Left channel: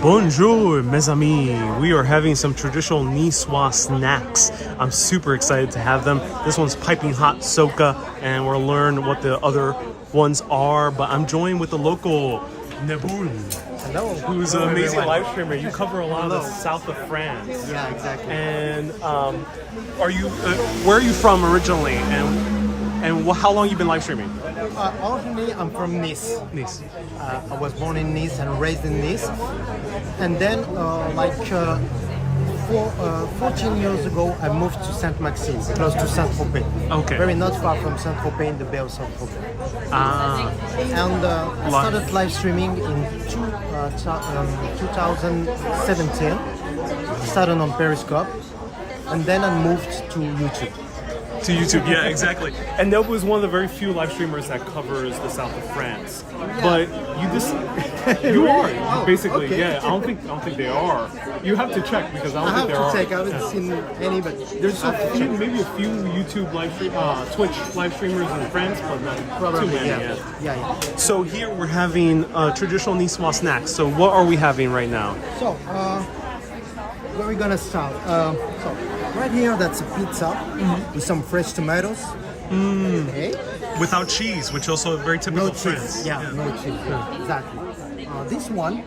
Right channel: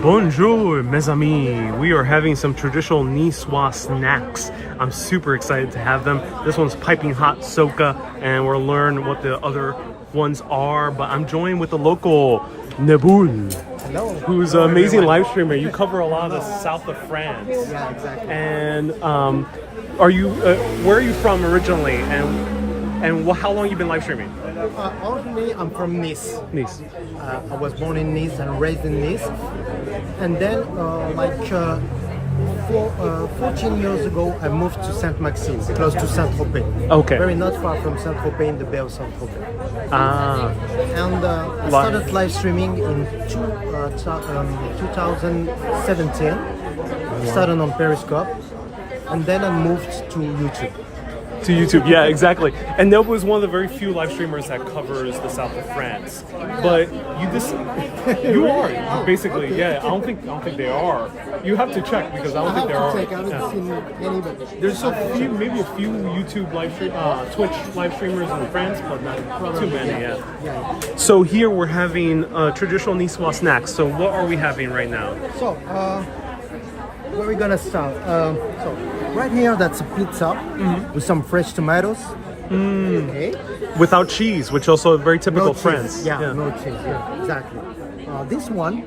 Bonjour, mes amis. We are having some traditional Nicoise snacks. I'm super excited to have them. This one's piping hot Socca, and we'll learn what the other ones are. But I'm joined with the local Neboul. Hello. Who's an amazing live streamer. You cover a lot of the south of France. Yeah, exactly. And are you? Where are you from originally? And how long you been live streaming? Originally, I'm from Nice. Nice. I was born in Nice and raised in Nice. And then, 14 years ago, I moved to Saint-Maxime, close to Saint-Tropez. Okay. Very not far from Saint-Tropez, in the Bay of Saint-Tropez. Ah. And I started live streaming in 2017. Started on Periscope. And then I moved to YouTube. To YouTube, yeah, exactly. And Neboul is one of the very few live streamers that covers the south of France. But you are basically, okay. yeah. I don't think they are. You have to check because I don't think there are. I haven't seen any, but there's maybe a few YouTube Twitch live streamers in France, but not too many. Yeah. So here we're having traditional Niçoise snacks. So what are we having right now? So where are we gonna start? So right here, that's a pizza with some fresh tomatoes. Okay. Without cheese, which also is very typical No of France. cheese. Yeah, no cheese. Yeah, exactly. This one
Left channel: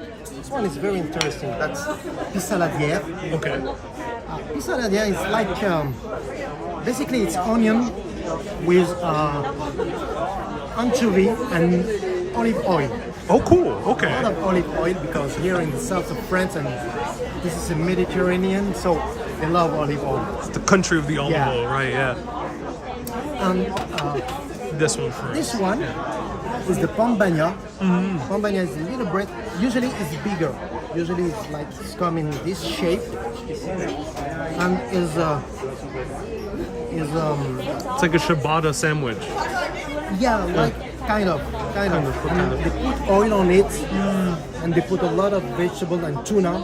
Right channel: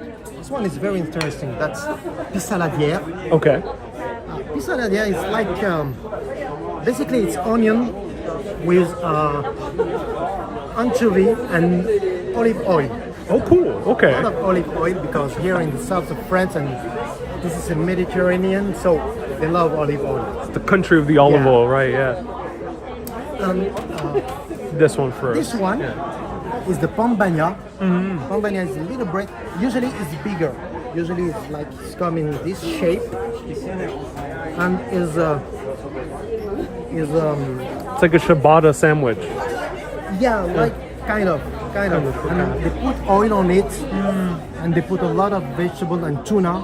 is very interesting. That's pissaladière. Okay. Pissaladière is like basically it's onion with anchovy and olive oil. Oh, cool. Okay. A lot of olive oil because here in the south of France and this is a Mediterranean, so they love olive oil. It's the country of the olive oil, right? Yeah. And this one first. this one is the pan bagnat. Pan bagnat is a little bread. Usually it's bigger. Usually it's come in this shape and is It's like a ciabatta sandwich. kind of. And they put oil on it, and they put a lot of vegetables and tuna,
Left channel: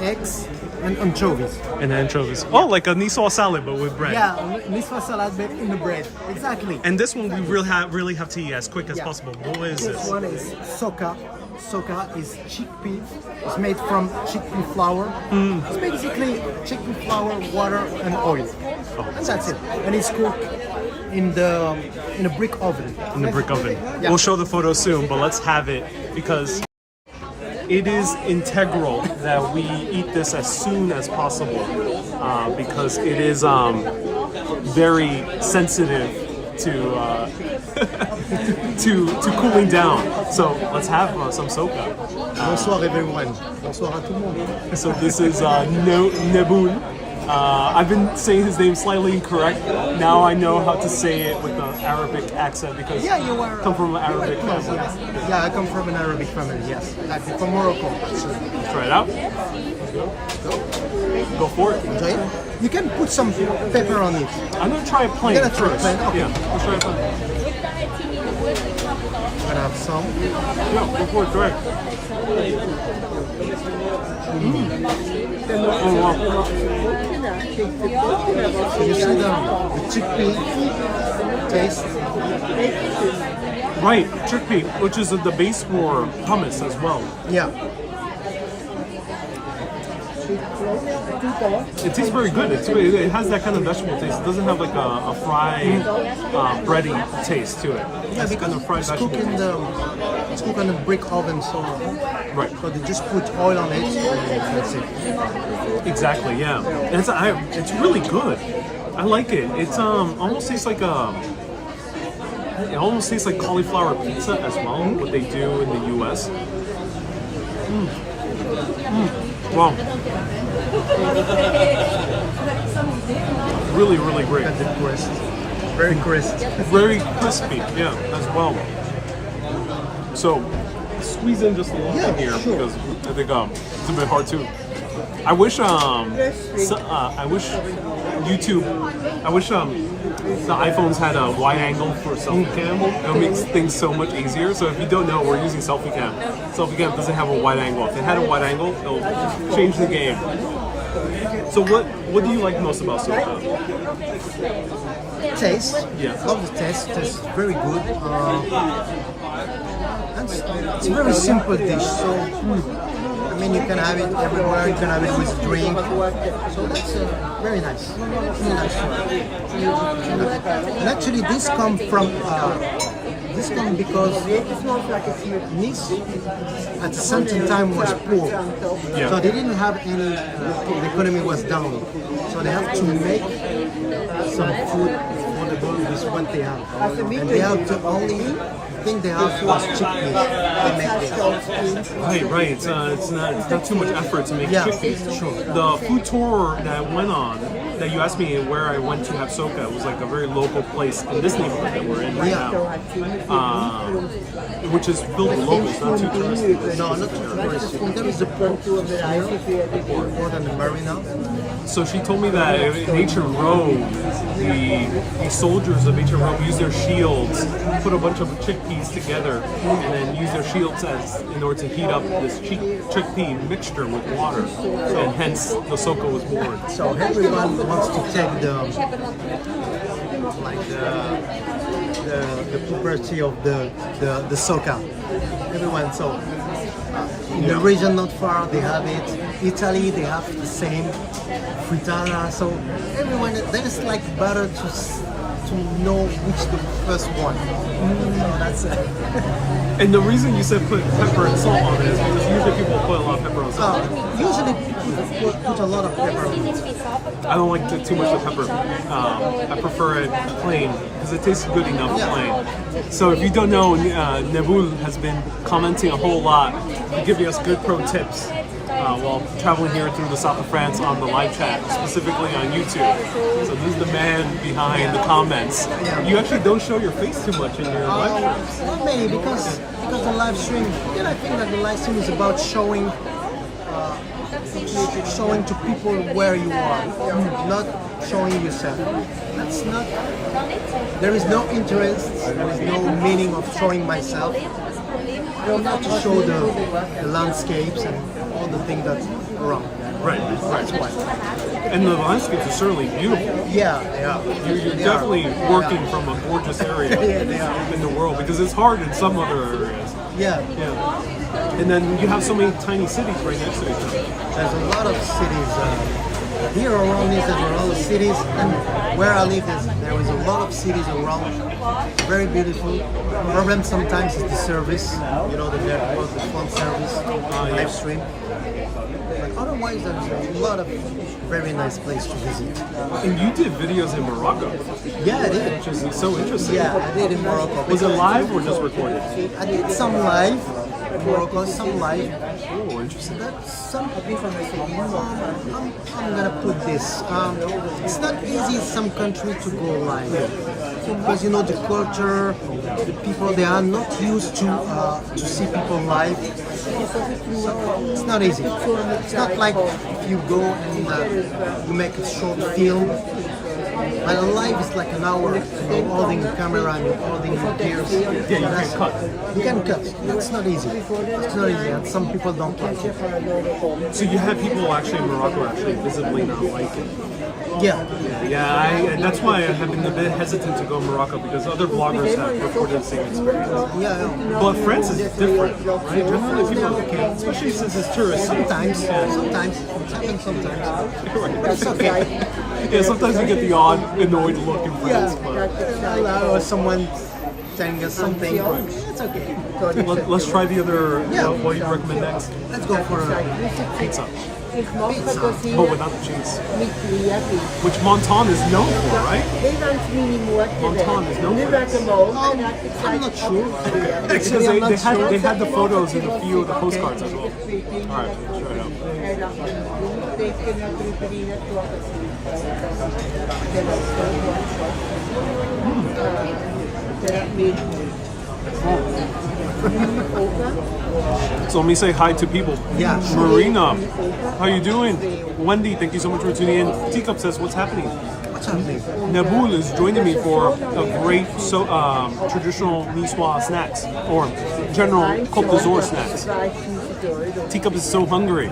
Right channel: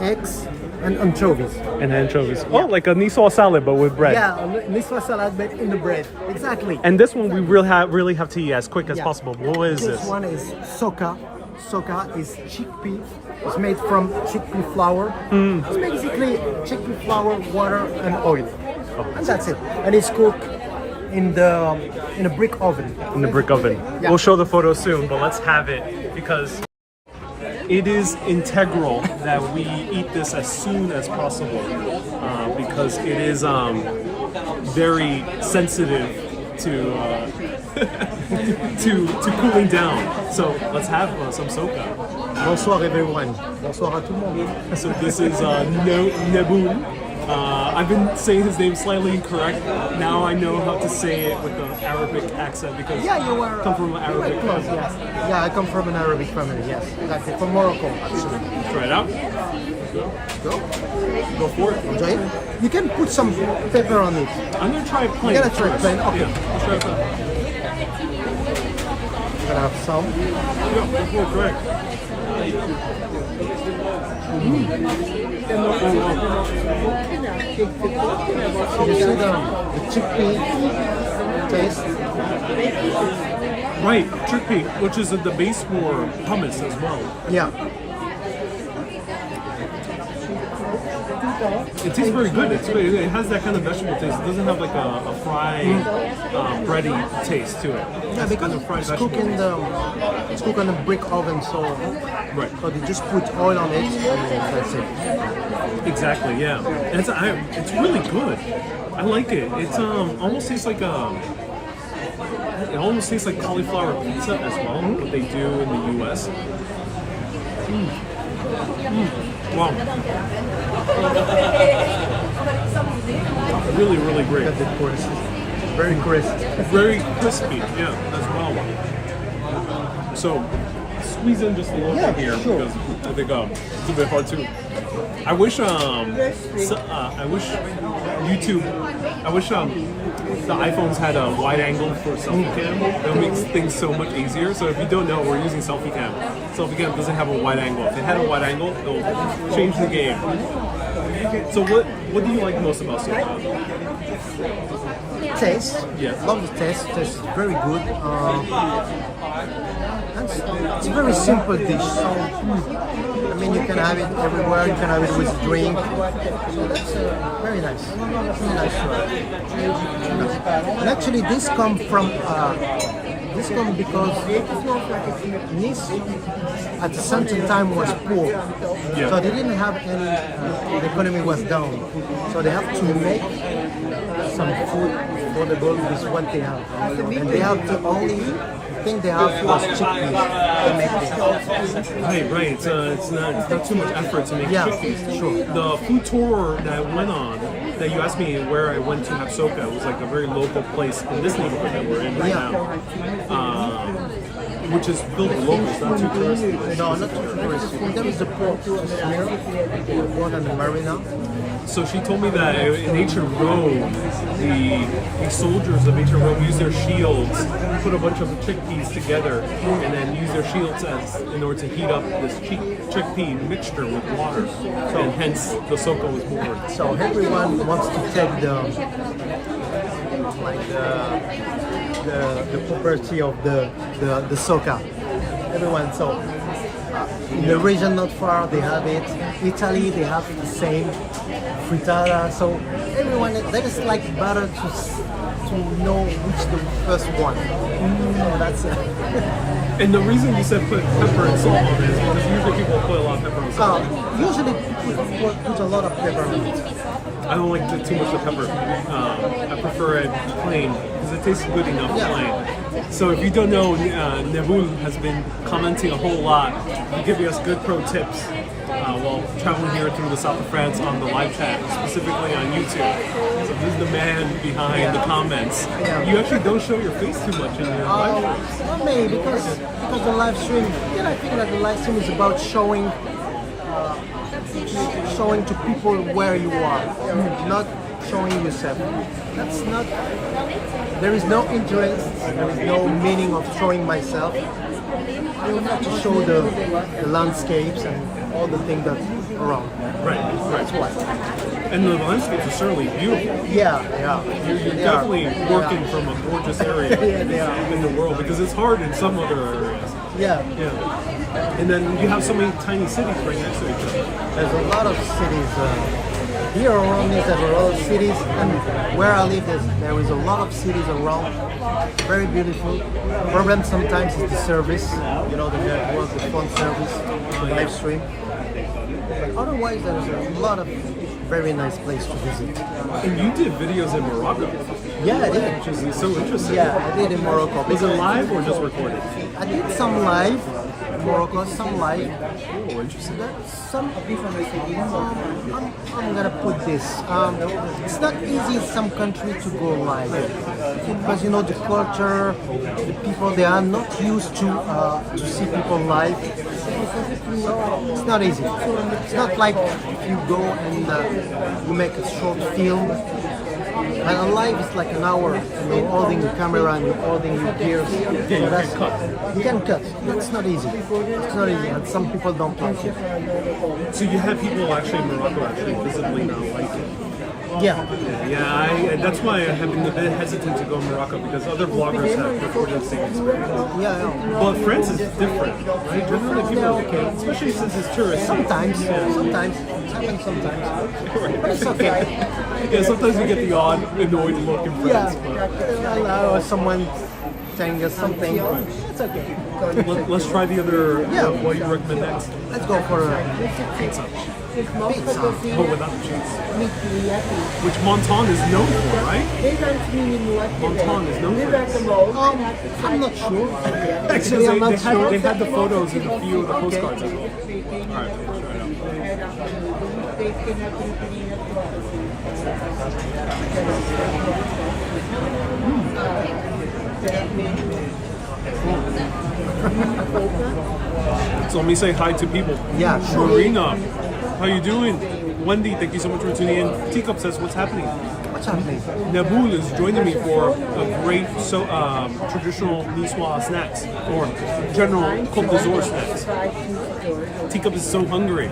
eggs, and anchovies. And anchovies. Oh, like a Nisswa salad, but with bread. Yeah, Nisswa salad, but in the bread. Exactly. And this one we really have to eat as quick as possible. What is this? This one is Socca. Socca is chickpea. It's made from chickpea flour. It's basically chickpea flour, water, and oil. And that's it. And it's cooked in a brick oven. In the brick oven. Yeah. We'll show the photo soon, but let's have it because it is integral that we eat this as soon as possible because it is very sensitive to to cooling down. So let's have some Socca. Bonsoir everyone. Bonsoir à tout le monde. So this is Neboul. I've been saying his name slightly incorrect. Now I know how to say it with an Arabic accent because Yeah, you were. come from an Arabic Close, family. yes. Yeah, I come from an Arabic family. Yes, exactly. From Morocco. Let's try it out. Go for it. Enjoy it. You can put some pepper on it. I'm gonna try it plain You're gonna try it first. plain? Okay. Yeah, let's try it plain. You're gonna have some. Yeah, go for it. Go ahead. Oh, wow. So you see the chickpea taste. Right, chickpea, which is the base for hummus as well. Yeah. It tastes very good. It has that kind of vegetable taste. It doesn't have like a fried, bready taste to it. Yeah, It's because kind of fried it's vegetable cooked it's cooked on a brick oven, so Right. So they just put oil on it and that's it. Exactly, yeah. And it's really good. I like it. It's almost tastes like it almost tastes like cauliflower pizza as well, what they do in the US. Wow. Really, really great. That's it, crisp. Very crisp. Very crispy, yeah, as well. So, squeeze in just a little bit here sure. because I think it's a bit hard too. I wish YouTube. I wish the iPhones had a wide angle for selfie cam. It makes things so much easier. So if you don't know, we're using selfie cam. Selfie cam doesn't have a wide angle. If it had a wide angle, it'll change the game. So what do you like most about Socca? taste. Yeah. Love the taste. Tastes very good. And it's a very simple dish. So I mean, you can have it everywhere. You can have it with drink. So that's very nice. Really nice. And actually, this comes from because Nice at a certain time was poor. Yeah. So they didn't have any. The economy was down. So they have to make some food affordable with what they have, and they have the only thing they have was chickpeas. They make this. Right. It's not too much effort to make Yeah, chickpeas. sure. The food tour that I went on, that you asked me where I went to have Socca, it was like a very local place in this neighborhood that we're in right now. Which is filled with locals, not too touristy. No, not too touristy. And there is the port here, the port and the marina. So she told me that in ancient Rome, the soldiers of ancient Rome used their shields, put a bunch of chickpeas together, and then use their shields in order to heat up this chickpea mixture with water. So and hence the Socca was born. So everyone wants to take the property of the Socca. Everyone. So in the region not far, they have it. Italy, they have the same frittata. So everyone, that is like better to know which the first one. So that's it. And the reason you said put pepper and salt on it is because usually people put a lot of pepper and salt. Usually people put a lot of pepper on it. I don't like too much of pepper. I prefer it plain because it tastes good enough plain. So if you don't know, Neboul has been commenting a whole lot to give us good pro tips while traveling here through the south of France on the live chat, specifically on YouTube. So this is the man behind the comments. Yeah. You actually don't show your face too much in your live streams. Not many because the live stream. Then I think that the live stream is about showing to people where you are, not showing yourself. That's not. There is no interest. There is no meaning of showing myself. Not to show the landscapes and all the things that's around. Right. That's why. And the landscapes are certainly beautiful. Yeah, they are. You're definitely working from a gorgeous area Yeah, they are. in the world because it's hard in some other areas. Yeah. And then you have so many tiny cities right next to each other. There's a lot of cities here around me. There's a lot of cities, and where I live, there is a lot of cities around. Very beautiful. Problem sometimes is the service. You know, the network, the phone service, live stream. But otherwise, there's a lot of very nice place to visit. And you did videos in Morocco, Yeah, I did. which is so interesting. Yeah, I did in Morocco. Was it live or just recorded? I did some live in Morocco, some live. Oh, interesting. I'm gonna put this. It's not easy in some country to go live because you know the culture, the people they are not used to see people live. So it's not easy. It's not like if you go and you make a short film. And a live is like an hour. You're holding the camera and you're holding your gears. Yeah, you can cut. You can cut. That's not easy. It's not easy, and some people don't like it. So you have people actually in Morocco actually visibly not like it. Yeah. Yeah, that's why I have been a bit hesitant to go to Morocco because other vloggers have reported the same experience. Yeah. But France is different, right? Generally, They're people, okay. especially since it's tourist. Sometimes. It happens sometimes. But it's okay. Yeah, sometimes you get the odd annoyed look in Yeah. France. Or someone telling us something. It's okay. Let's try the other. Yeah. What do you recommend next? Let's go for a Pizza, pizza. but without the cheese. Which Monton is known for, right? Monton is known for this. I'm not sure. It says I'm not sure. they had the photos in a few of the postcards as well. All right, sure So let me say hi to people. Yeah, sure. Marina, how you doing? Wendy, thank you so much for tuning in. Teacup says, what's happening? What's happening? Neboul is joining me for a great traditional Nisswa snacks, or general Cote d'Azur snacks. Teacup is so hungry.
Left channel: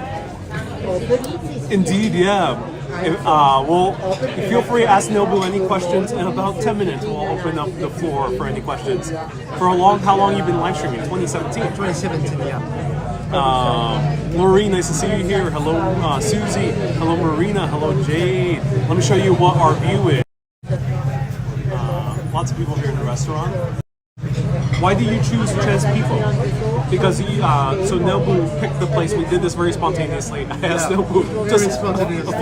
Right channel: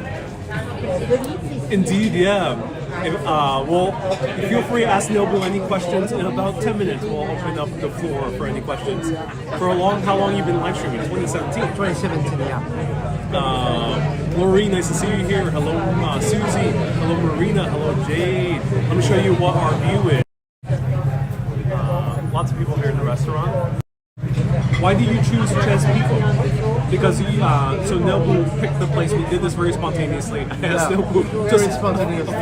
Indeed, yeah. Well, feel free to ask Neboul any questions. In about 10 minutes, we'll open up the floor for any questions. How long you been live streaming? 2017? 2017, yeah. Maureen, nice to see you here. Hello, Susie. Hello, Marina. Hello, Jade. Let me show you what our view is. Lots of people here in the restaurant. Why do you choose trans people? Because so Neboul picked the place. We did this very spontaneously. I asked Neboul just a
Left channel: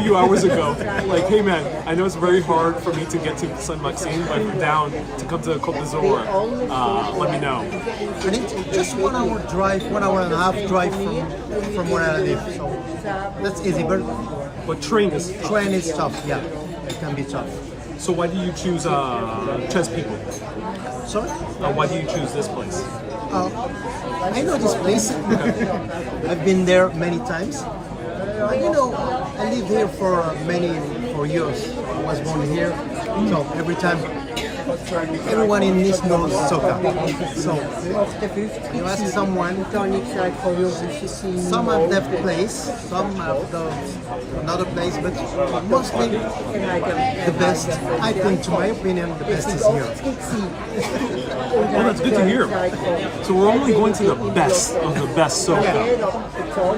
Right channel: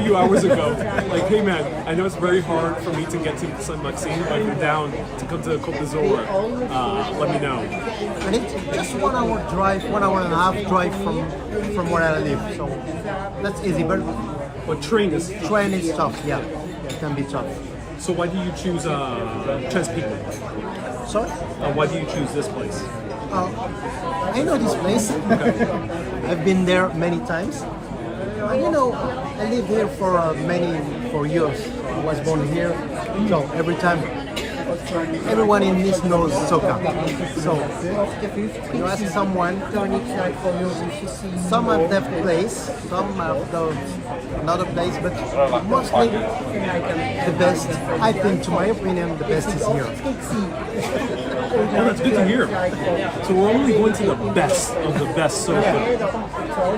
few hours ago, like, hey man, I know it's very hard for me to get to Saint Maxime, but I'm down to come to Cote d'Azur. Let me know. And it's just 1 hour drive, 1 hour and a half drive from where I live. So that's easy. But train is tough. Yeah, it can be tough. So why do you choose trans people? Sorry? Why do you choose this place? I know this place. I've been there many times. And I lived here for years. So I was born here. So every time, everyone in Nice knows Socca. So when you ask someone, some have that place, some have another place, but mostly the best, I think, to my opinion, the best is here. Well, that's good to hear. So we're only going to the best of the best Socca.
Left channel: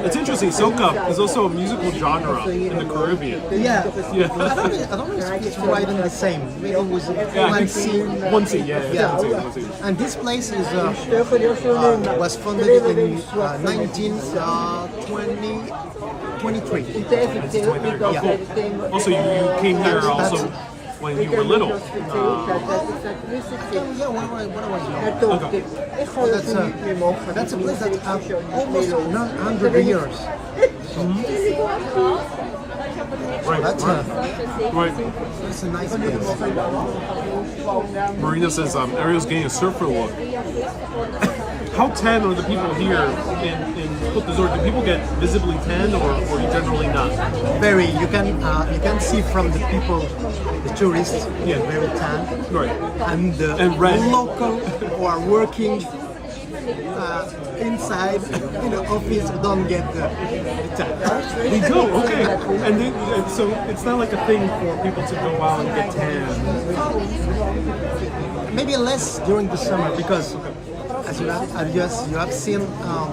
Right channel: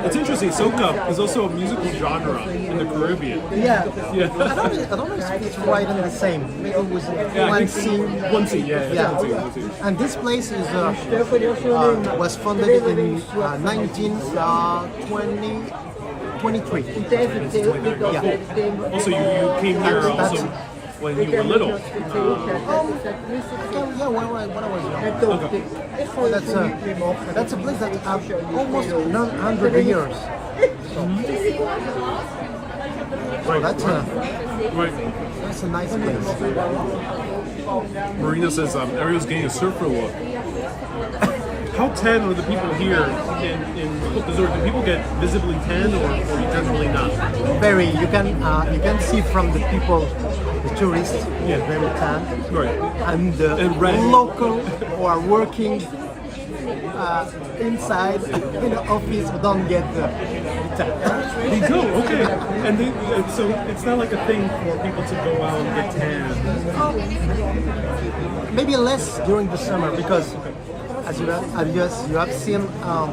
It's interesting. Socca is also a musical genre in the Caribbean. Yeah. I don't know if it's right and the same. Maybe it was one scene. One scene, yeah. One scene. And this place is was founded in 1923. Yeah. Also, you came here also when you were little. When I was young. Okay. That's a place that has almost 100 years. So, that's a nice place. Marina says Ariel's getting a surfer look. How tan are the people here in Cote d'Azur? Do people get visibly tan or generally not? Very. You can see from the people. The tourists get very tan, right? And the local who are working inside in the office don't get the tan. They do, okay. And so it's not like a thing for people to go out and get tan. Maybe less during the summer because, as you have seen, a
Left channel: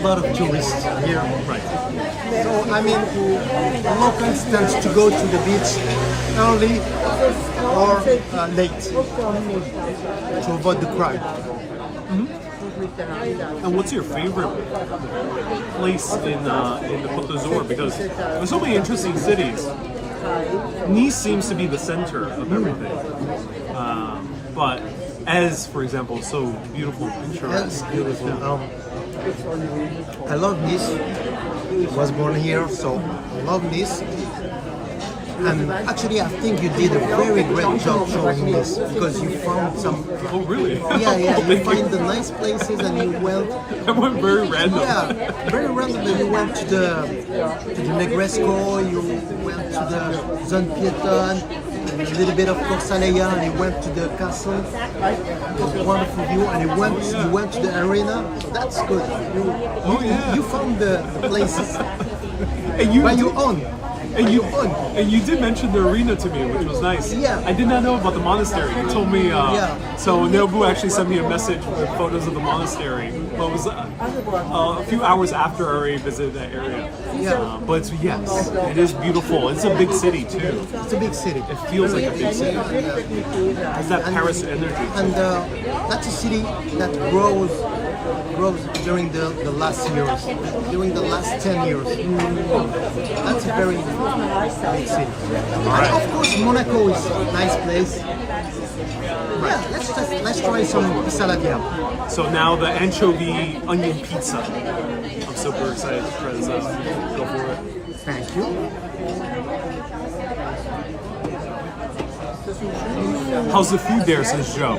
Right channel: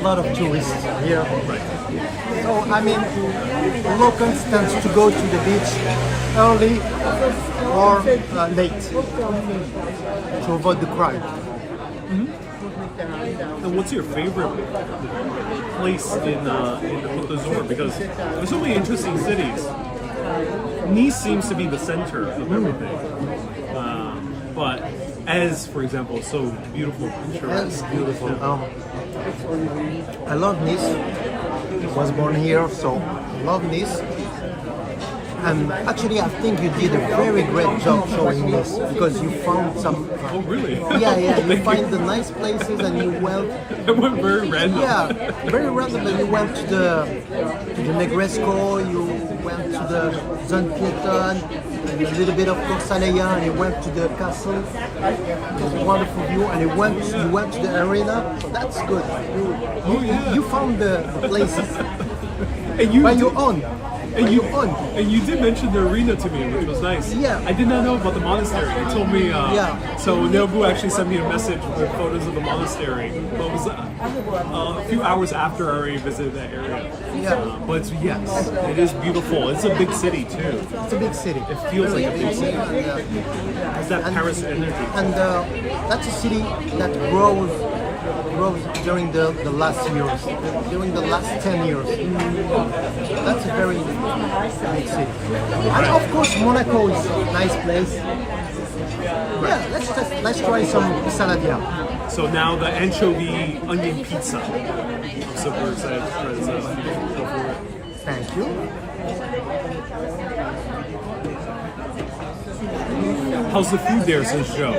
lot of tourists here. Right. So I mean, locals tend to go to the beach early or late to avoid the crowd. Mm-hmm. And what's your favorite place in the Cote d'Azur? Because there's so many interesting cities. Nice seems to be the center of everything. But as, for example, so beautiful. As beautiful. I love Nice. I was born here, so I love Nice. And actually, I think you did a very great job showing Nice because you found some. Oh, really? Yeah. You find the nice places, and you went. I went very random. Yeah, very random. And you went to the Negresco. You went to the Zone Piétonne, and a little bit of Corsaleya, and you went to the castle. It was a wonderful view, and you went to the arena. So that's good. You found the places where you own. And you did mention the arena to me, which was nice. Yeah. I did not know about the monastery. You told me. So Neboul actually sent me a message with photos of the monastery. But it was a few hours after I already visited that area. Yeah. But yes, it is beautiful. It's a big city too. It's a big city. It feels like a big city. It's that Paris energy. And that's a city that grows during the last years, during the last 10 years. That's a very big city. And of course, Monaco is a nice place. Yeah, let's try some saladia. So now the anchovy onion pizza. I'm super excited to try this out. Go for it. Thank you. How's the food there since Joe?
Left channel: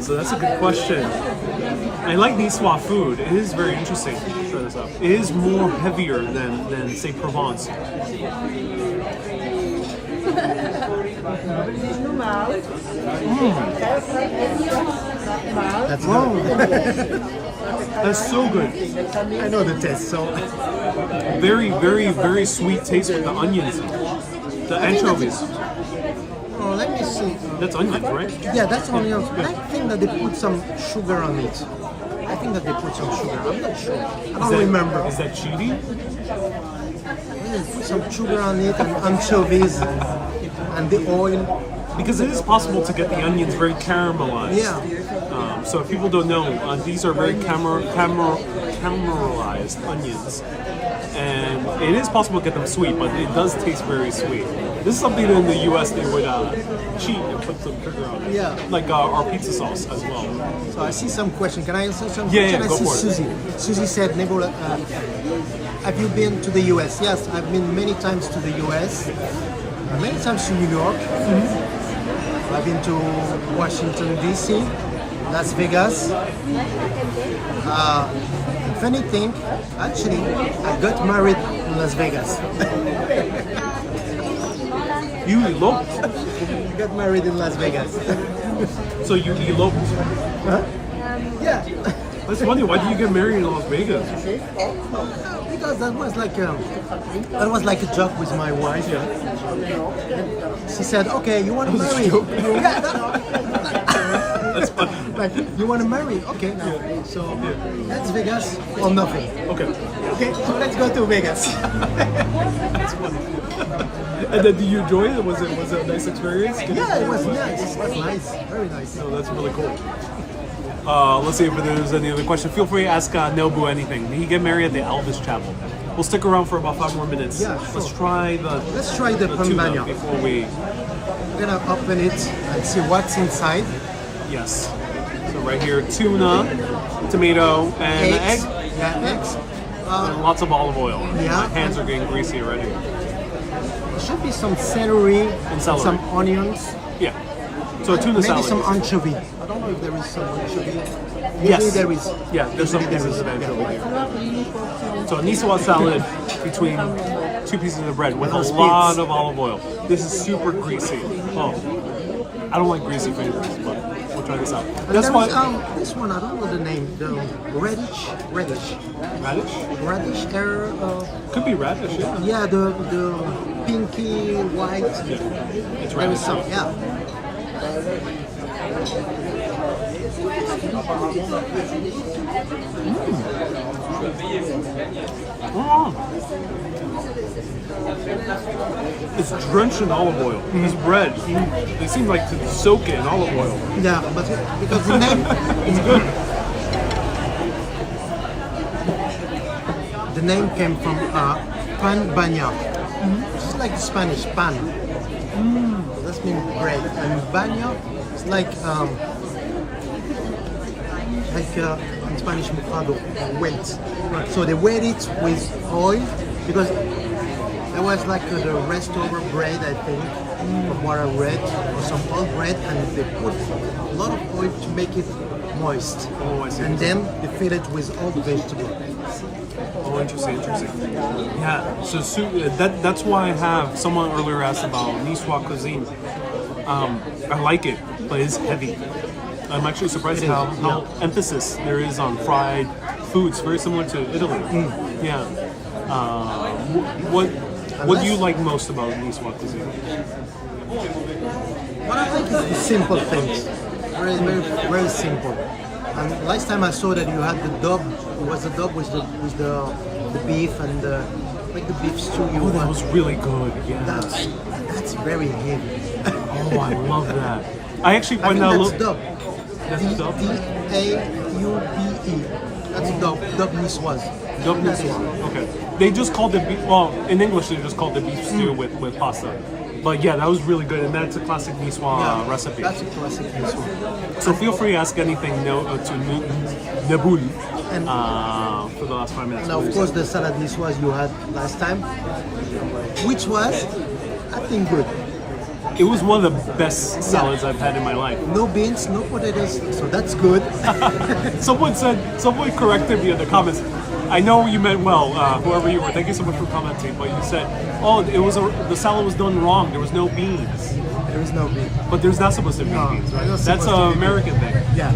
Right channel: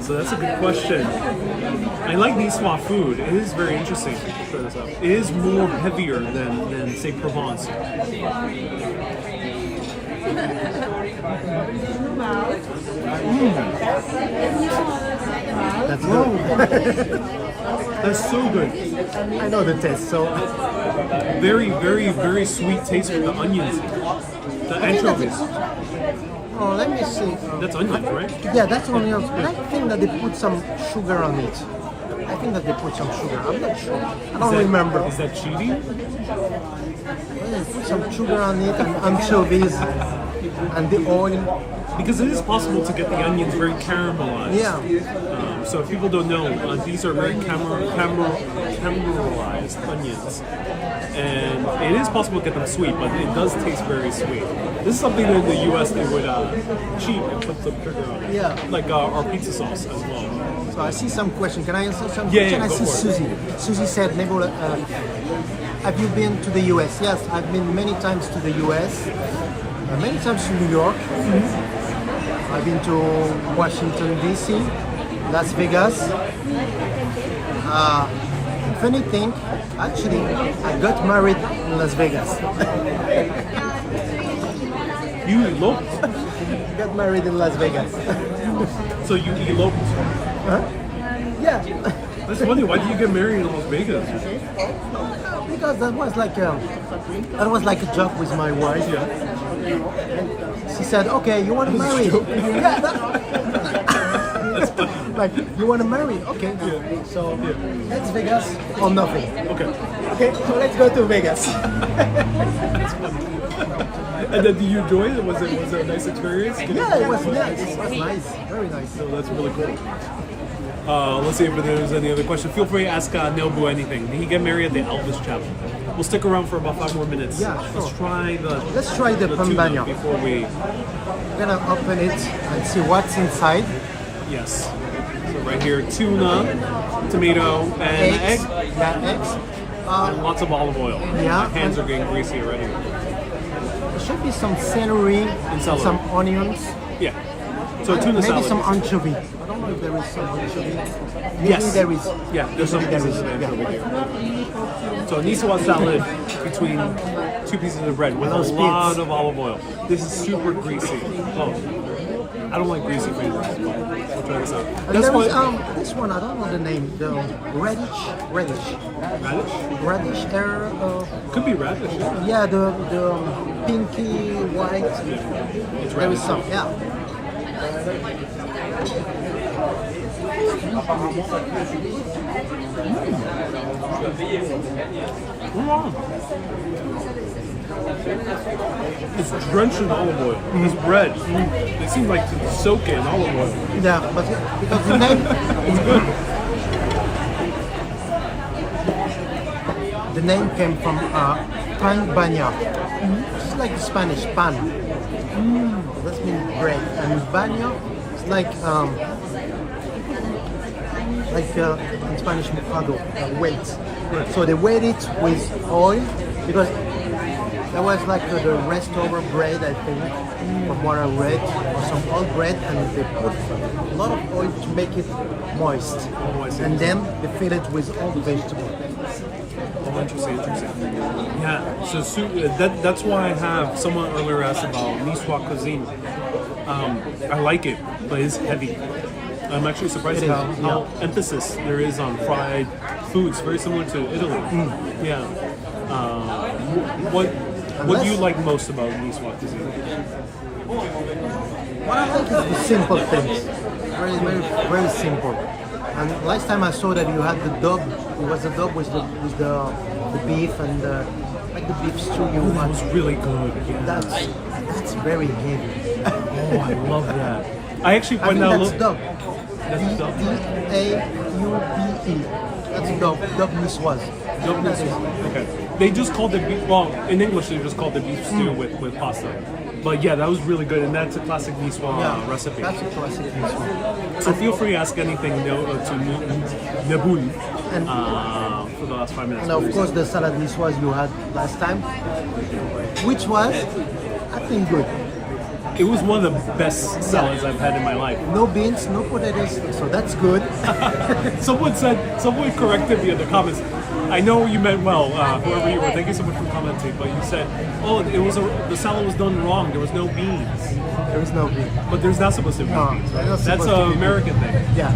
So that's a good question. I like Nisswa food. It is very interesting. Try this out. It is more heavier than say Provence. That's good. That's so good. I know the taste, so Very, very, very sweet taste with the onions. The I think that anchovies. oh, let me see. That's onions, right? Yeah, that's onions, but I think that they put some sugar on it. I think that they put some sugar. I'm not sure. I don't remember. Is that cheating? They put some sugar on it and anchovies and the oil. Because it is possible to get the onions very caramelized. Yeah. So if people don't know, these are very caramelized onions. And it is possible to get them sweet, but it does taste very sweet. This is something that in the US they would cheat and put some sugar on it. Yeah. Like our pizza sauce as well. So I see some question. Can I answer some Yeah, question? yeah, I go see for it. Susie. Susie said, Neboul, have you been to the US? Yes, I've been many times to the US. Many times to New York. I've been to Washington, D.C., Las Vegas. Funny thing, actually, I got married in Las Vegas. You eloped? I got married in Las Vegas. So you eloped? Huh? Yeah. That's funny. Why did you get married in Las Vegas? Because that was like a joke with my wife. And she said, "Okay, you want to marry?" Yeah, That's funny. like you want to marry? Okay. So that's Vegas or nothing. Okay. Okay, so let's go to Vegas. That's funny. And then, did you enjoy it? Was it a nice experience? Yeah, it was nice. It was nice. Very nice. No, that's really cool. Let's see if there's any other question. Feel free to ask Neboul anything. Did he get married at the Elvis Chapel? We'll stick around for about 5 more minutes. Yeah, sure. Let's try the pan tuna bagnat. before we. We're gonna open it and see what's inside. Yes. So right here, tuna, tomato, and Eggs. egg. Yeah, eggs. And lots of olive oil. Yeah. My hands are getting greasy already. There should be some celery, celery. some onions, Yeah. So a tuna maybe salad. some anchovy. I don't know if there is some anchovy. Usually Yes. there is. Yeah, there's some Usually pieces of yeah. anchovy here. So a Nisswa salad between 2 pieces of bread with a Those lot bits. of olive oil. This is super greasy. Oh, I don't like greasy fingers, but we'll try this out. And That's there why. is this one. I don't know the name. The radish. Radish? Could be radish, yeah. Yeah, the pinky white. It's There radish. is some. Yeah. Mm. It's drenched in olive oil. This bread, it seems like to soak it in olive oil. Yeah, but because the name. The name came from pan bagnat. It's like Spanish pan. That means bread, and bagnat is like in Spanish mojado, wet. So they wet it with oil because there was like the leftover bread, I think, from what I read, or some old bread, and they put a lot of oil to make it moist. Oh, I see. And then they fill it with all the vegetables. Oh, interesting. Yeah, so that's why I have someone earlier asked about Nisswa cuisine. I like it, but it's heavy. I'm actually surprised It is, how emphasis there is on fried foods, very similar to Italy. Yeah. What do you like most about Nisswa cuisine? What I like is the simple things. Very, very, very simple. And last time I saw that you had the dub. It was the dub with the beef and like the beef stew. Oh, that was really good. Yeah. That's very heavy. Oh, I love that. I actually I find think that that's dub. That's dub. D-A-U-B-E. That's dub. Dub Nisswa. Dub Nisswa. Okay. They just called it beef. Well, in English, they just called it beef stew with pasta. But yeah, that was really good, and that's a classic Nisswa recipe. That's a classic Nisswa. So feel free to ask anything to Neboul And- for the last 5 minutes. And of course, the salad Nisswa you had last time, which was, I think, good. It was one of the best salads I've had in my life. No beans, no potatoes, so that's good. Someone corrected me in the comments. I know you meant well, whoever you were. Thank you so much for commenting. But you said, "Oh, the salad was done wrong. There was no beans." There is no bean. But there's not supposed to be No, beans, right? there's not That's supposed to an be American thing. Yeah.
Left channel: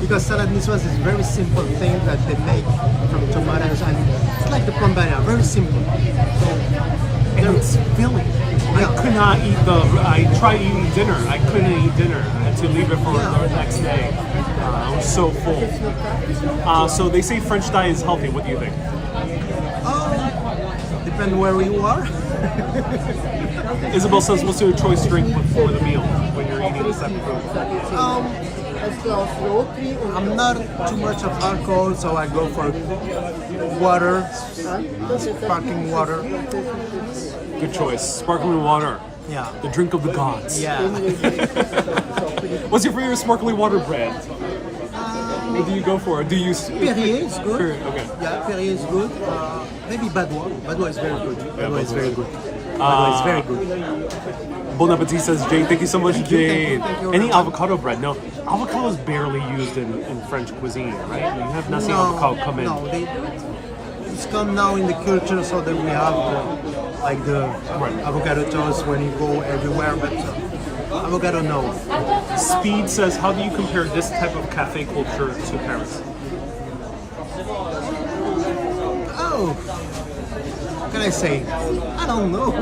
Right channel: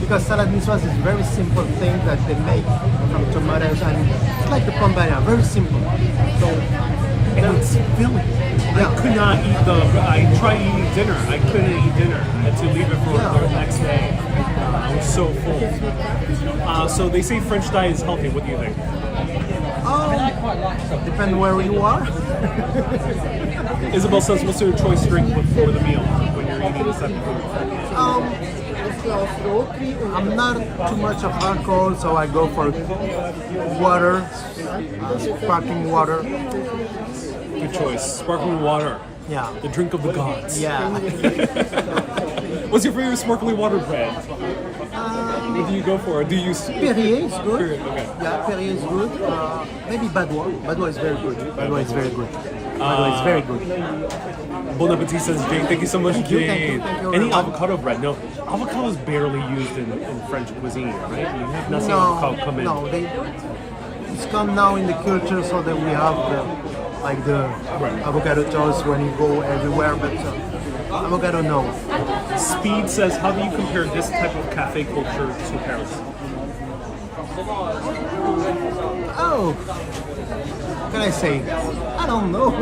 because salad niçoise is very simple thing that they make from tomatoes, and it's like the plombaria, very simple. So It's filling. Yeah. I could not eat I tried eating dinner. I couldn't eat dinner. I had to leave it for the next day. I was so full. So they say French diet is healthy. What do you think? depend where you are. Isabel says, what's your choice drink before the meal when you're eating this type of food? I'm not too much of alcohol, so I go for water, sparkling water. Good choice. Sparkling water. Yeah. The drink of the gods. Yeah. What's your favorite sparkling water brand? What do you go for? Do you use Perrier is good. Perrier, okay. Yeah, Perrier is good. Maybe Badois. Badois is very good. Badois is very good. Badois is very good. Bon appetit, says Jane. Thank you so much, Thank you, Jane. thank you Any very much. avocado bread? No. Avocado is barely used in French cuisine, right? You have nothing avocado come in. No, it's come now in the culture, so that we have the avocado toast when you go everywhere, but avocado no. Speed says, how do you compare this type of cafe culture to Paris? Oh, what can I say? I don't know.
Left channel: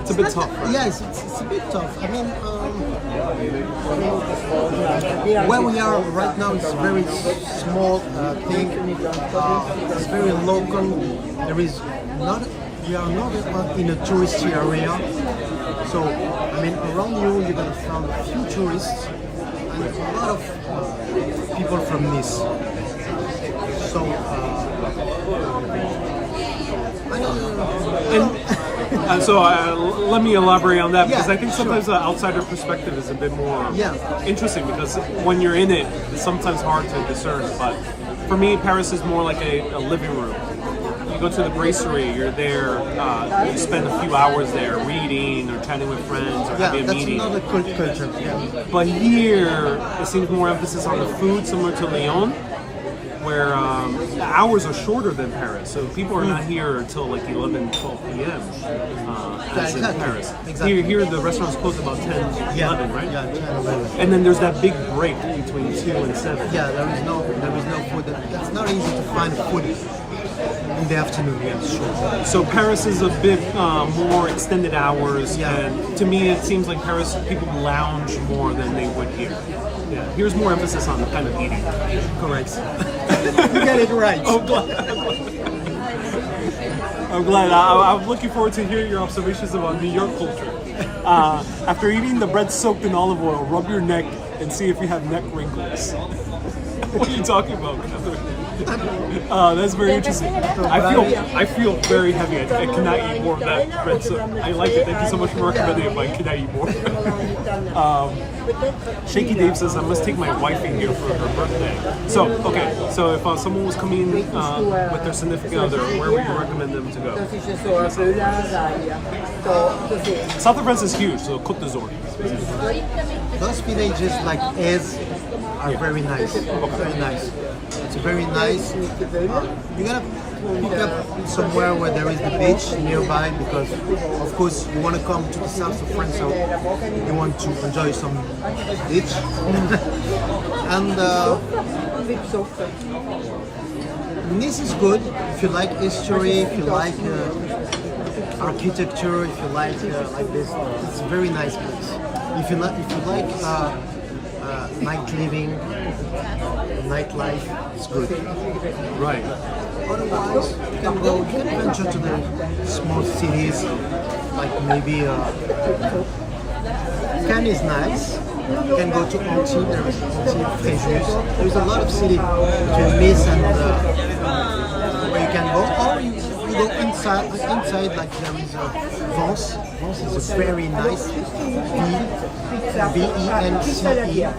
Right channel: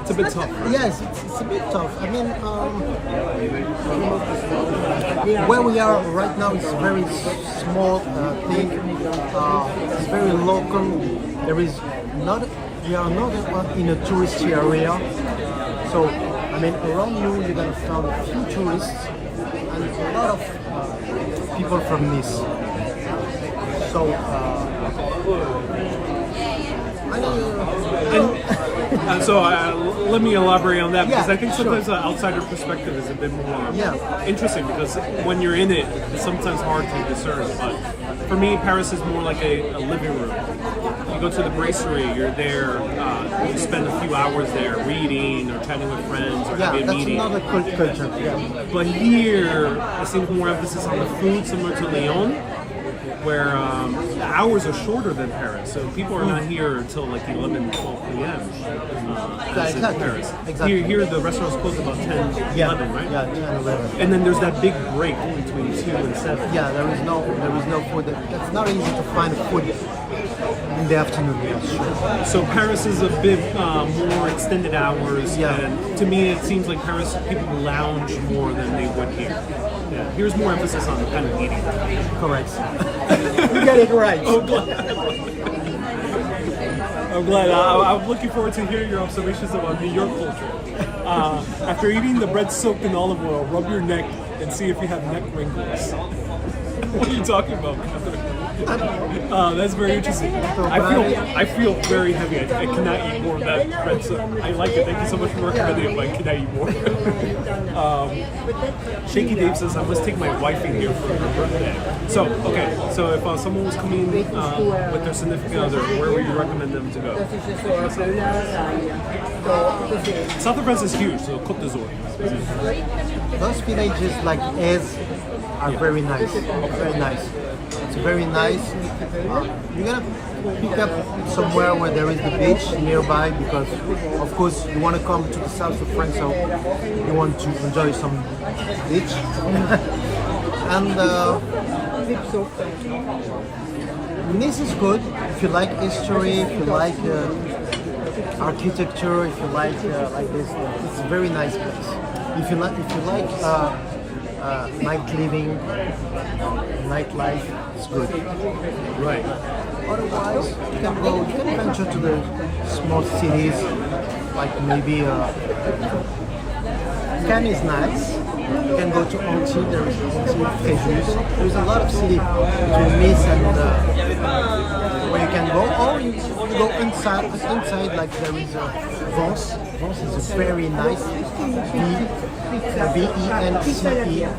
It's a bit tough. Right? Yes, it's a bit tough. I mean, where we are right now is very small thing. It's very local. We are not in a touristy area. So, I mean, around you're gonna find a few tourists and a lot of people from Nice. So, let me elaborate on that, because Yeah, I think sure. sometimes the outsider perspective is a bit more Yeah. interesting, because when you're in it, it's sometimes hard to discern. But for me, Paris is more like a living room. You go to the brasserie, you're there, you spend a few hours there reading or chatting with friends or yeah, having a that's meeting. another culture. Yeah. But here, it seems more emphasis on the food, similar to Lyon, where the hours are shorter than Paris. So people are not here until like 11, 12 p.m. As in exactly. Paris. Exactly. Here the restaurants close about 10, 11, right? Yeah, 10, 11. And then there's that big break between 2 and 7. Yeah, there is no food. That's not easy to find food in the afternoon. Yeah, sure. So Paris is a bit more extended hours. Yeah. And to me, it seems like Paris people lounge more than they would here. Yeah. Here's more emphasis on the kind of eating. Correct. You get it right. Oh, I'm glad. I'm looking forward to hearing your observations about New York culture. After eating the bread soaked in olive oil, rub your neck and see if you have neck wrinkles. What are you talking about? That's very interesting. I feel very heavy. I cannot eat more of that bread soak. I like it. Thank you so much for recommending it, but I cannot eat more. Shaky Dave says, I must take my wife in here for her birthday. So if someone was coming with their significant other, where would you recommend them to go? South of France is huge, so Côte d'Azur. Those villages like Ez are very nice. Very nice. It's very nice. You're gonna pick up somewhere where there is the beach nearby, because of course you want to come to the south of France, so you want to enjoy some beach. And Nice is good if you like history, if you like architecture, if you like this. It's a very nice place. If you like night living, nightlife, it's good. Right. Otherwise, you can venture to the small cities, like maybe Cannes is nice. You can go to Antibes, there is Antibes, Fréjus. There is a lot of city between Nice and where you can go, or you go inside like there is Vence. Vence is a very nice Vence,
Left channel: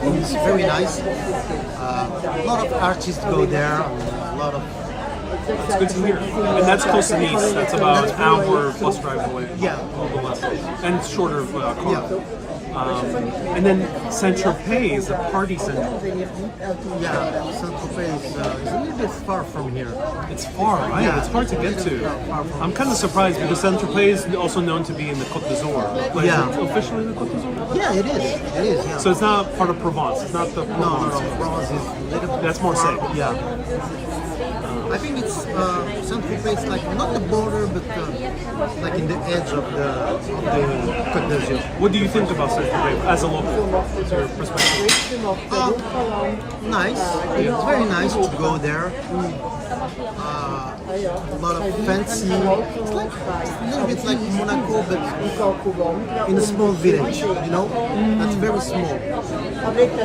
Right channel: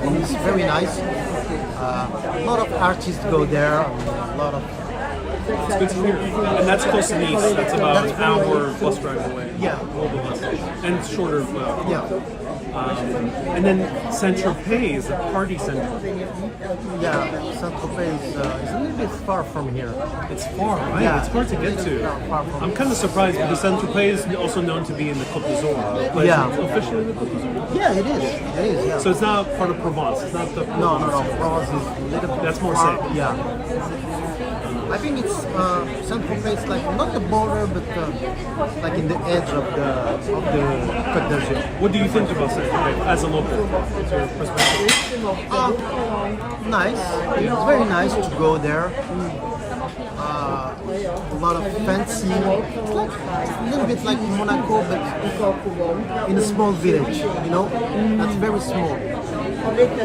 and it's very nice. A lot of artists go there, and a lot of. It's good to hear. And that's close to Nice. That's about an hour plus drive away. Yeah. A little bit less. And shorter car. Yeah. And then Saint-Tropez is a party center. Yeah, Saint-Tropez is a little bit far from here. It's far, right? Yeah, It's hard to get to. far from I'm kind of surprised because Saint-Tropez is also known to be in the Côte d'Azur. But Yeah. is it officially in the Côte d'Azur? Yeah, it is. It is, yeah. So it's not part of Provence. It's not the no. France is a little bit That's more far. safe. Yeah. I think it's Saint-Tropez, like not the border, but like in the edge of the Côte d'Azur. What do you think about Saint-Tropez as a local? What's your perspective? Nice. It's very nice to go there. A lot of fancy. It's like a little bit like Monaco, but in a small village. You know, that's very small.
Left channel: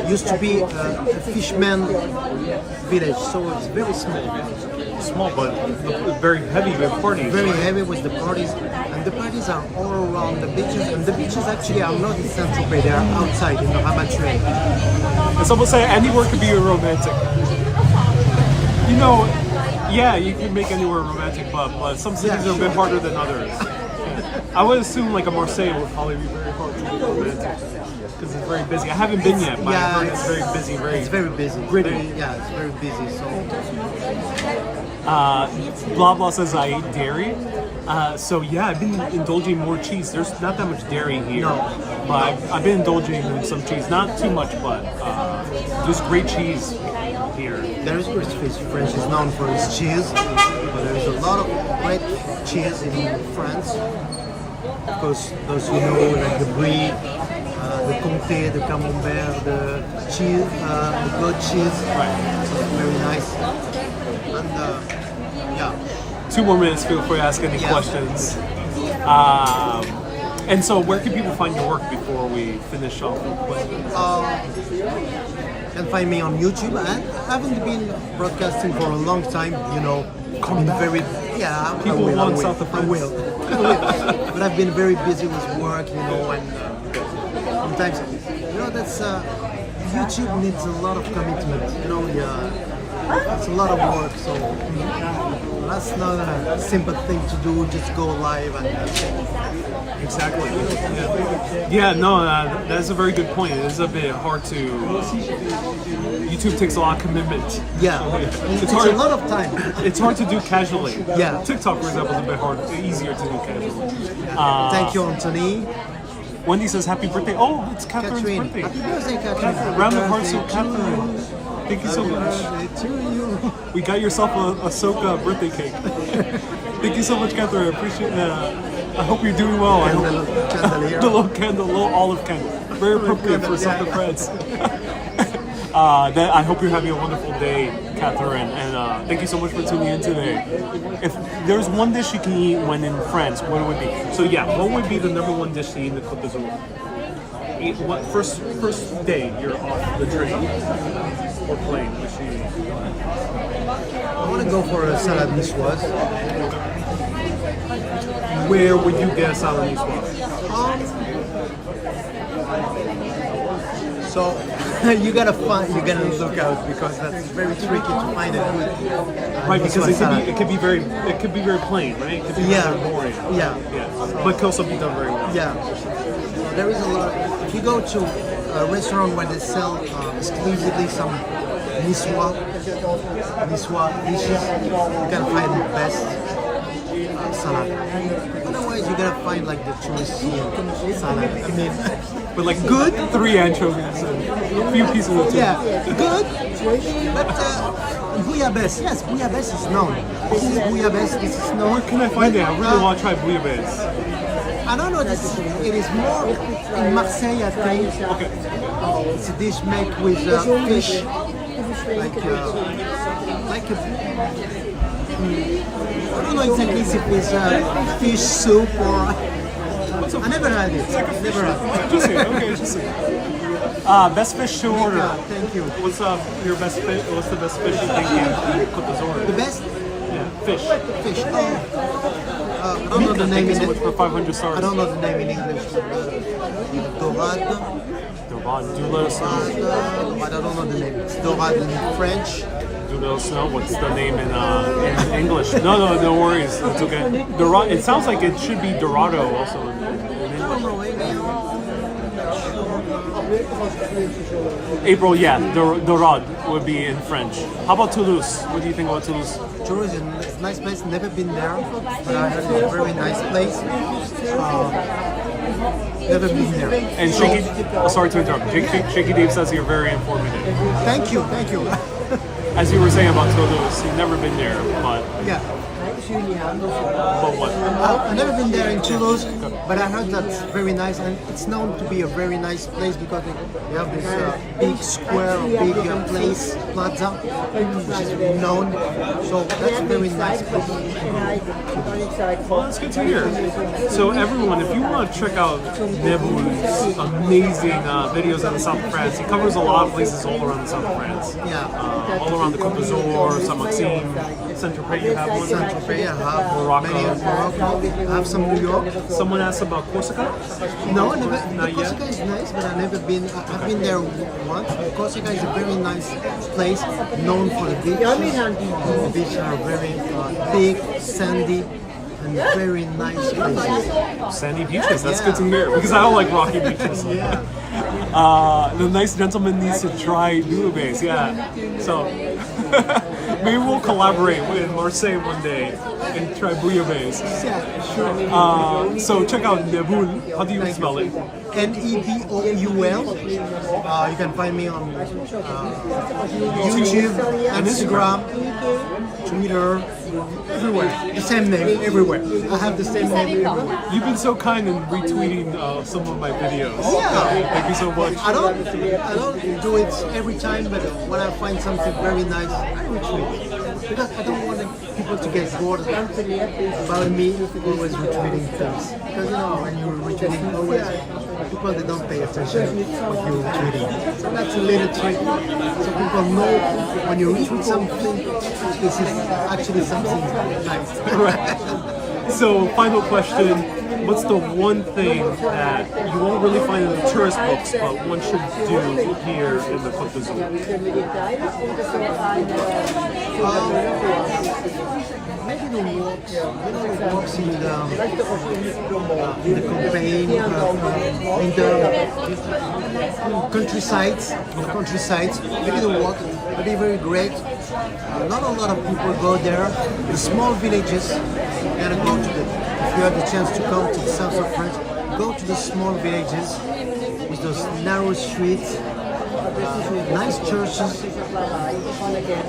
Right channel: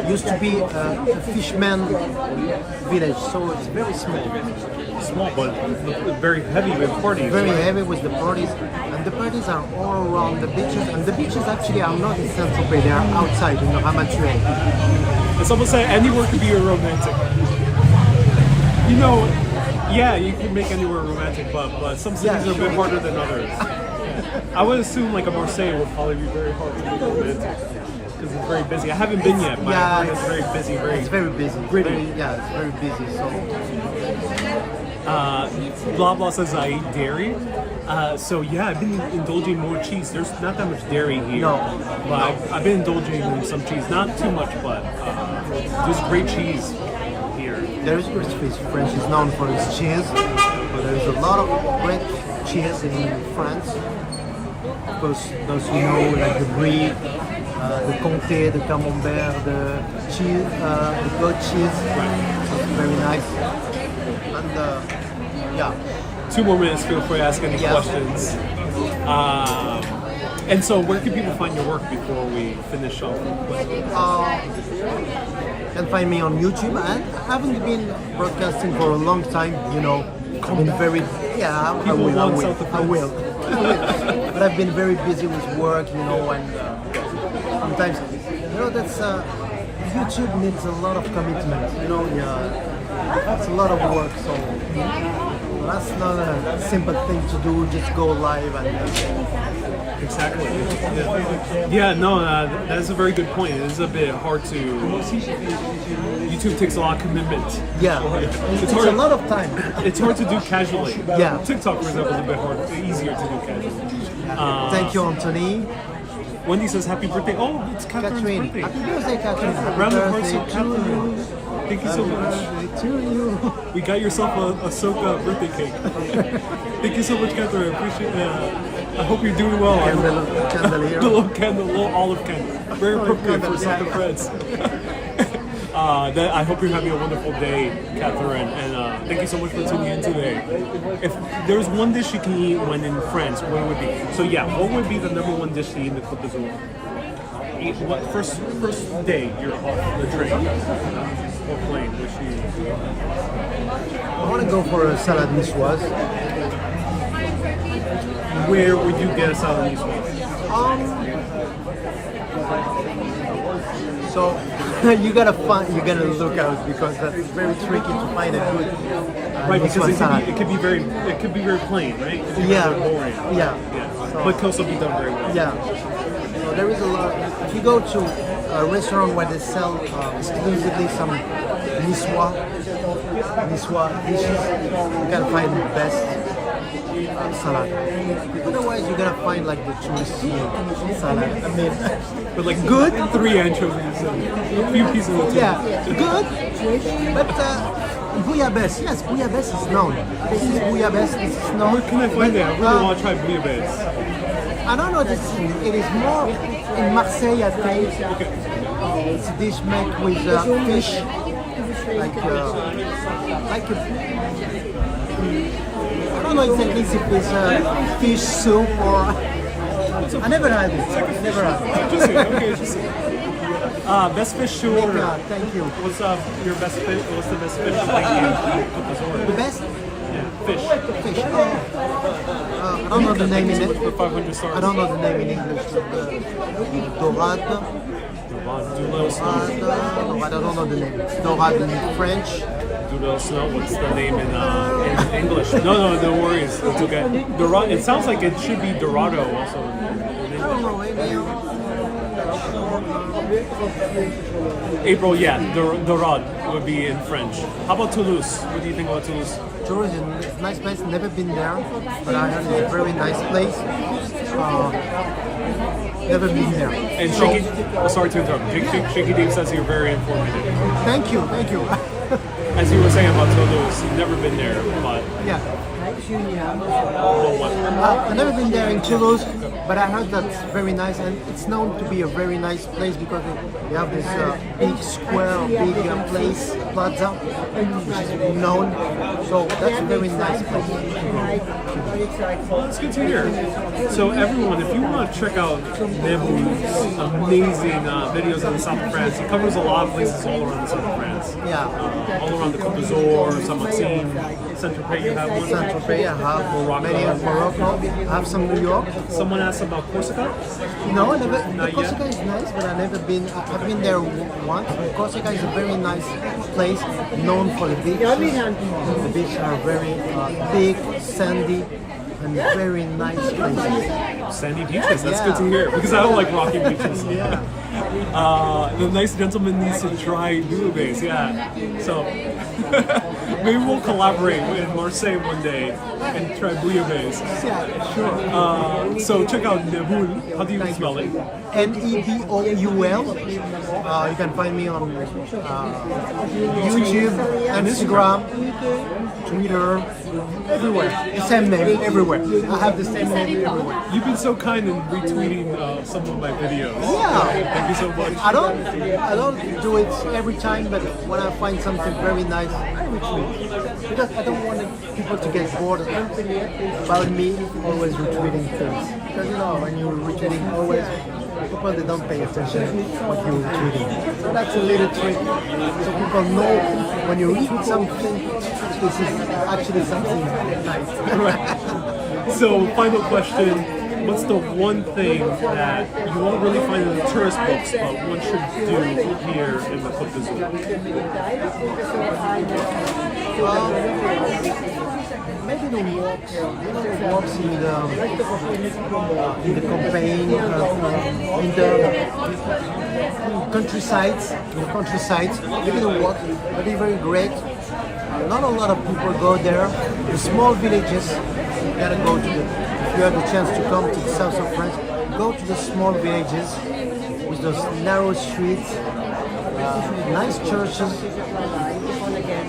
Used to be a fishman village, so it's very small. Small, but very heavy with parties. Very right? heavy with the parties, and the parties are all around the beaches. And the beaches actually are not in Saint-Tropez; they are outside in the Ramatuelle. And someone say anywhere could be a romantic. You know, yeah, you can make anywhere romantic, but some cities are a bit harder than others. Yeah. I would assume like a Marseille would probably be very hard to make romantic because it's very busy. I haven't been yet, but Yeah, it's very busy. It's very busy. Gritty. It's very busy. So Blah blah says I eat dairy. So yeah, I've been indulging more cheese. There's not that much dairy here. No. But I've been indulging in some cheese. Not too much, but there's great cheese here. there is great cheese. France is known for its cheese, but there is a lot of great cheese in France. Of course, those you know, like the Brie, the Comté, the Camembert, the cheese, the goat cheese, very nice. And yeah, 2 more minutes. Feel free to ask any Yeah. questions. And so, where can people find your work before we finish off? you can find me on YouTube. I haven't been broadcasting for a long time, you know. I've been very, yeah, I People will, I want will, South of I will, I will. But I've been very busy with work, you know, and sometimes, you know, that's YouTube needs a lot of commitment, you know. Yeah, it's a lot of work, so that's not a simple thing to do. Just go live and. Exactly. Yeah, no, that's a very good point. It is a bit hard to. YouTube takes a lot of commitment. Yeah, So, it takes a lot of time. It's hard to do casually. Yeah. TikTok, for example, is a bit harder, easier to do casually. Thank you, Anthony. Wendy says happy birthday. Oh, it's Catherine's Catherine. birthday. Happy birthday, Catherine. Happy Round of birthday applause for to you. Catherine. Thank you so Happy much. birthday to you. We got yourself a Socca birthday cake. Thank you so much, Catherine. I appreciate it. I hope you're doing well. I hope- Candelier. The little candle, little olive candle. Very appropriate for candle, Soccer yeah. friends. I hope you're having a wonderful day, Catherine, and thank you so much for tuning in today. If there's one dish you can eat when in France, what would it be? So yeah, what would be the number one dish to eat in the Côte d'Azur? What first day you're off the trip or plane? What should you eat? I want to go for a salad niçoise. Where would you get a salad Nisswa? So you gotta look out because that's very tricky to find a good Right, niçoise because salad. it could be very plain, right? It could be Yeah, very boring. yeah. So, but can also be done very well. Yeah. So there is a lot. If you go to a restaurant where they sell exclusively some Nisswa dishes, you can find the best salad. Otherwise, you're gonna find like the touristy salad. I mean, But like good. 3 anchovies and a few pieces of chicken. Yeah, good. But bouillabaisse, yes, bouillabaisse is known. This is bouillabaisse. This is known. Where can I find it? I really Uh, want to try bouillabaisse. I don't know. It is more in Marseille, I think. Okay. It's a dish made with fish, like I don't know exactly if it's fish soup or. I never had it. Never had it. Interesting. Okay, interesting. Best fish to order. Yeah, thank you. What's your best fish? What's the best fish you cook this The order? best Fish. fish. I don't know the name in it. For 500 stars. I don't know the name in English. But dorade. Do let us know. No, I don't know the name. It's dorade in French. Do let us know what's the name in English. No worries. It's okay. Dorado. It sounds like it should be Dorado also. I don't know. Maybe April, yeah. Dorade would be in French. How about Toulouse? What do you think about Toulouse? Toulouse is a nice place. Never been there, but I heard it's a very nice place. Never been there. And Shaky, sorry to interrupt. Shaky Dave says you're very informative. Thank you, thank you. As you were saying about Toulouse, you've never been there, but Yeah. what? I've never been there in Toulouse, but I heard that's very nice, and it's known to be a very nice place because they have this big square, big place, plaza, which is known. So that's a very nice place to go. Well, that's good to hear. So everyone, if you want to check out Neboul's amazing videos in the south of France, he covers a lot of places all around the south of France. Yeah. All around the Côte d'Azur, Saint-Maxime, Saint-Tropez, you have one? Saint-Tropez, I have Morocco. many in Morocco. I have some New York. Someone asked about Corsica? No, never. Not Corsica is nice, but I've never been. I've been there once. Corsica is a very nice place, known for the beach. The beaches are very big, sandy, and very nice places. Sandy beaches, that's Yeah. good to hear, because I don't like rocky beaches. Yeah. The nice gentleman needs to try bouillabaisse, yeah. So, maybe we'll collaborate with Marseille one day and try bouillabaisse. Yeah, sure. So check out Neboul. How do you Thank spell you. it? Neboul. You can find me on YouTube, Instagram, Twitter, everywhere. The same name everywhere. I have the same name everywhere. You've been so kind in retweeting some of my videos. Yeah. Thank you so much. I don't do it every time, but when I find something very nice, I retweet. Because I don't want people to get bored about me always retweeting things. Because when you're retweeting always, people they don't pay attention to what you're retweeting. So that's a little trick. So people know when you retweet something, this is actually something nice. So final question. What's the one thing that you won't really find in the tourist books, but one should do here in the Côte d'Azur? Maybe the walks, the walks in the campaign, in the countrysides. Maybe the walk would be very great. Not a lot of people go there. The small villages, you gotta go to if you have the chance to come to the south of France, go to the small villages with those narrow streets, nice churches.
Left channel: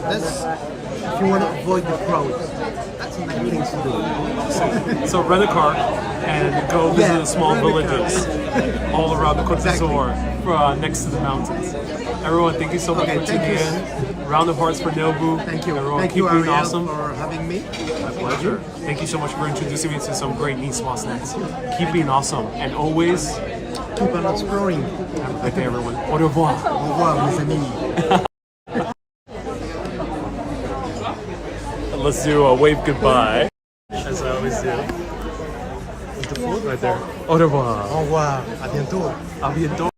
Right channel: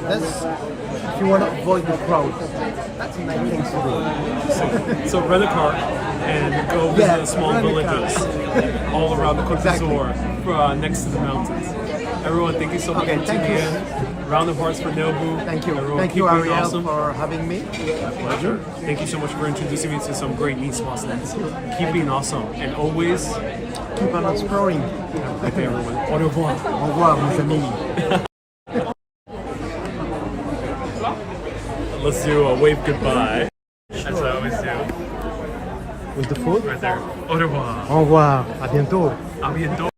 That's if you want to avoid the crowd. That's a nice thing to do. So rent a car and go visit the small rent a villages all around the Côte d'Azur, next to the mountains. Everyone, thank you so much for tuning in. Round of hearts for Neboul. Thank you. Everyone, Thank keep you, doing Ariel, awesome. for having me. My pleasure. Thank you so much for introducing me to some great Nicoise snacks. Keep being awesome and always Keep on exploring. okay, everyone. Au revoir. Au revoir, mes amis. Let's do a wave goodbye. As I always do. With the food right there. Au revoir. Au revoir. À bientôt. A bientôt.